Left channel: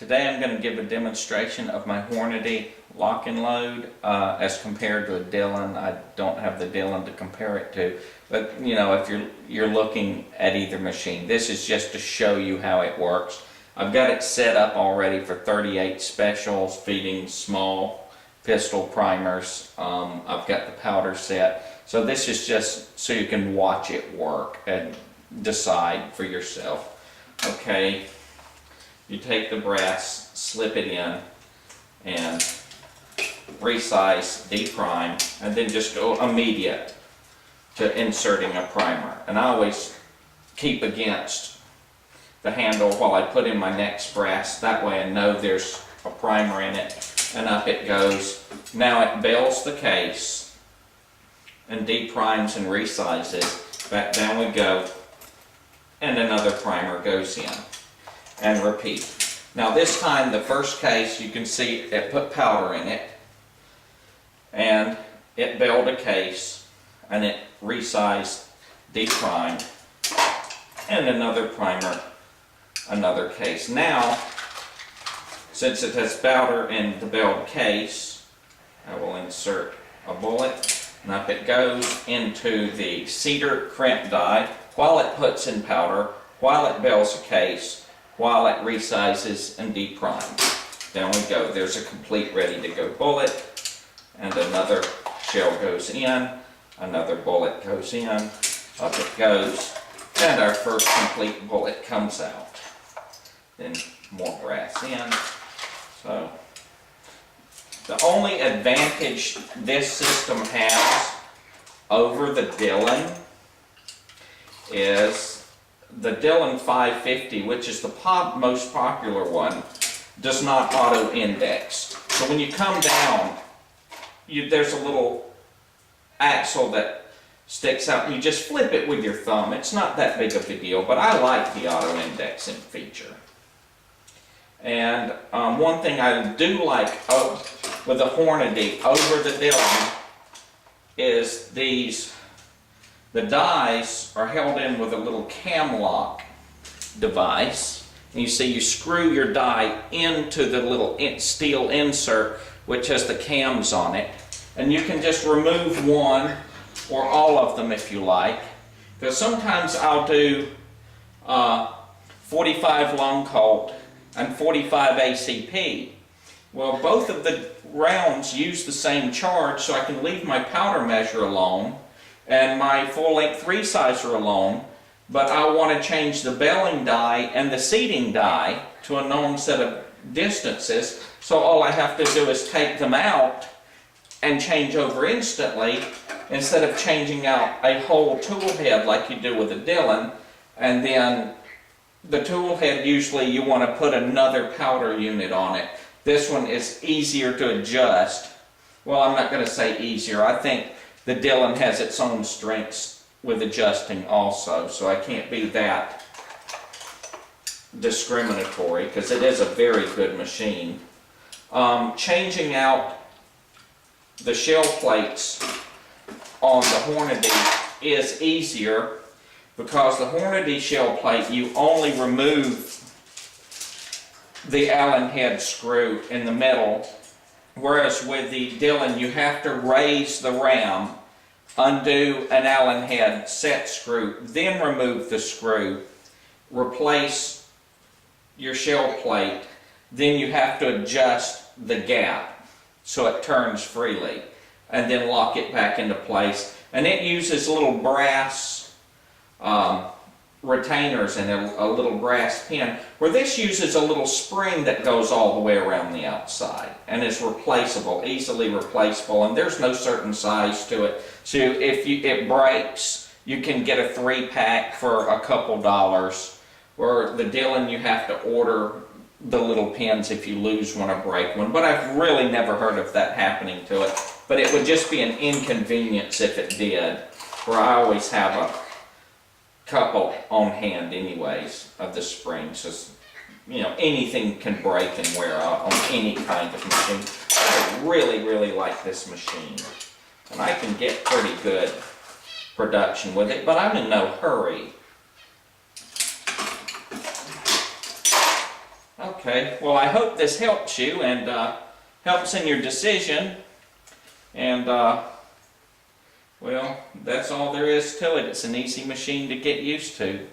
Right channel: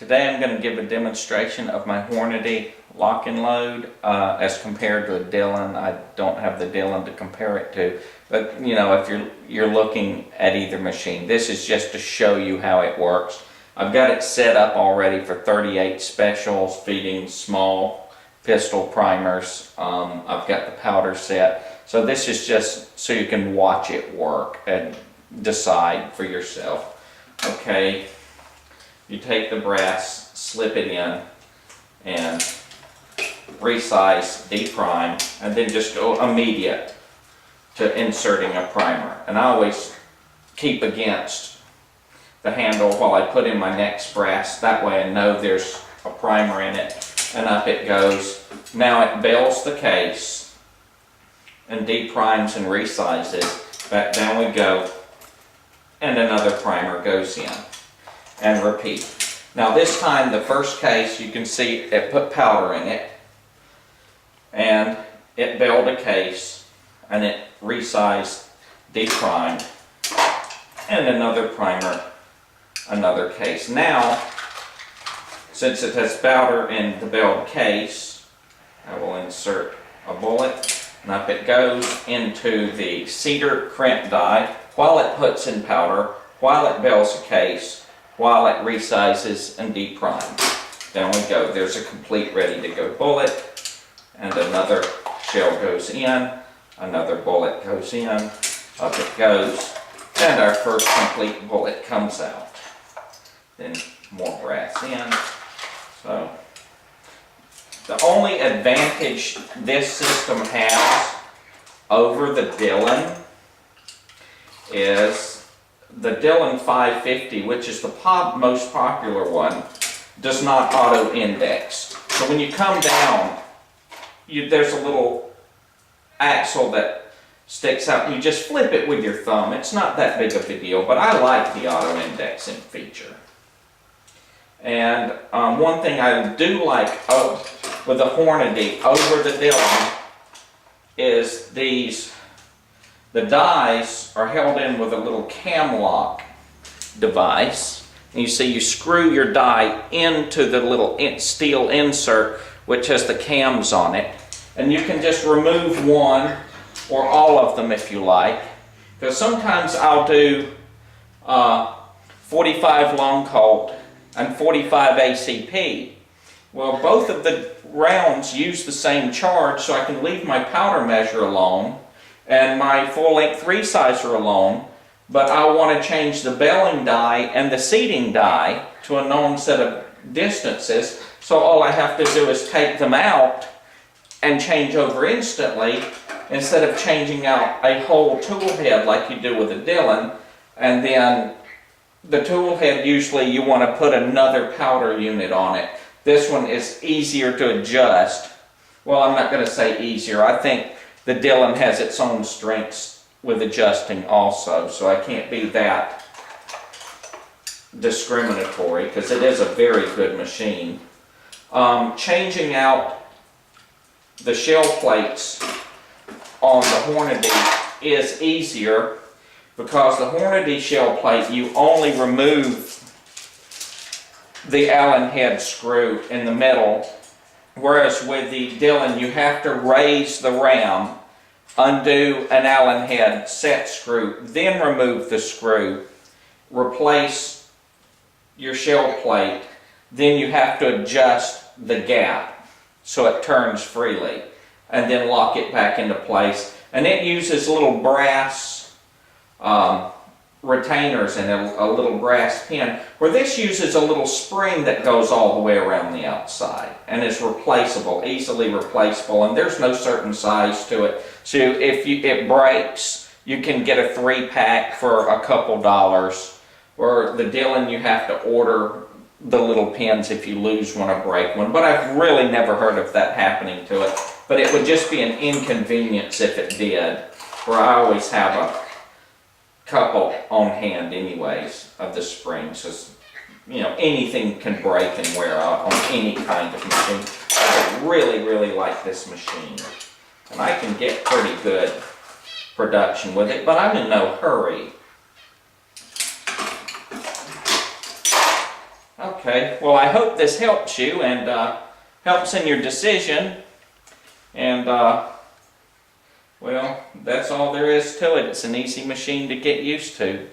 Today I'm going to give a demonstration of my Hornady lock and load as compared to a Dillon. I don't have the Dillon to compare it to, but you know, if you're looking at either machine, this is just to show you how it works. I've got it set up already for 38 specials feeding small pistol primers. I've got the powder set, so this is just so you can watch it work and decide for yourself. Okay, you take the brass, slip it in, and resize, deprime, and then just go immediate to inserting a primer. And I always keep against the handle while I put in my next brass. That way I know there's a primer in it, and up it goes. Now it bells the case and deprimes and resizes. Back down we go, and another primer goes in. And repeat. Now this time the first case, you can see it put powder in it, and it belled a case, and it resized, deprimed, and another primer, another case. Now, since it has powder in the belled case, I will insert a bullet, and up it goes into the cedar crimp die while it puts in powder, while it bells a case, while it resizes and deprimes. Down we go. There's a complete ready-to-go bullet, and another shell goes in, another bullet goes in, up it goes, and our first complete bullet comes out. Then more brass in. So the only advantage this system has over the Dillon is the Dillon 550, which is the most popular one, does not auto-index. So when you come down, there's a little axle that sticks out. You just flip it with your thumb. It's not that big of a deal, but I like the auto-indexing feature. And one thing I do like with the Hornady over the Dillon is the dies are held in with a little cam lock device. And you see you screw your die into the little steel insert which has the cams on it. And you can just remove one or all of them if you like. Because sometimes I'll do 45 long Colt and 45 ACP. Well, both of the rounds use the same charge, so I can leave my powder measure alone and my full-length resizer alone, but I want to change the belling die and the seating die to a known set of distances, so all I have to do is take them out and change over instantly instead of changing out a whole tool head like you do with a Dillon. And then the tool head, usually you want to put another powder unit on it. This one is easier to adjust. Well, I'm not going to say easier. I think the Dillon has its own strengths with adjusting also, so I can't be that discriminatory because it is a very good machine. Changing out the shell plates on the Hornady is easier because the Hornady shell plate, you only remove the Allen head screw in the middle, whereas with the Dillon you have to raise the ram, undo an Allen head set screw, then remove the screw, replace your shell plate, then you have to adjust the gap so it turns freely, and then lock it back into place. And it uses little brass retainers and a little brass pin, where this uses a little spring that goes all the way around the outside and is replaceable, easily replaceable, and there's no certain size to it. So if it breaks, you can get a 3-pack for a couple dollars, where the Dillon you have to order the little pins if you lose one or break one. But I've really never heard of that happening to it, but it would just be an inconvenience if it did, where I always have a couple on hand anyways of the springs. So, you know, anything can break and wear out on any kind of machine. I really like this machine, and I can get pretty good production with it, but I'm in no hurry. Okay, well I hope this helps you and helps in your decision. And well, that's all there is to it. It's an easy machine to get used to.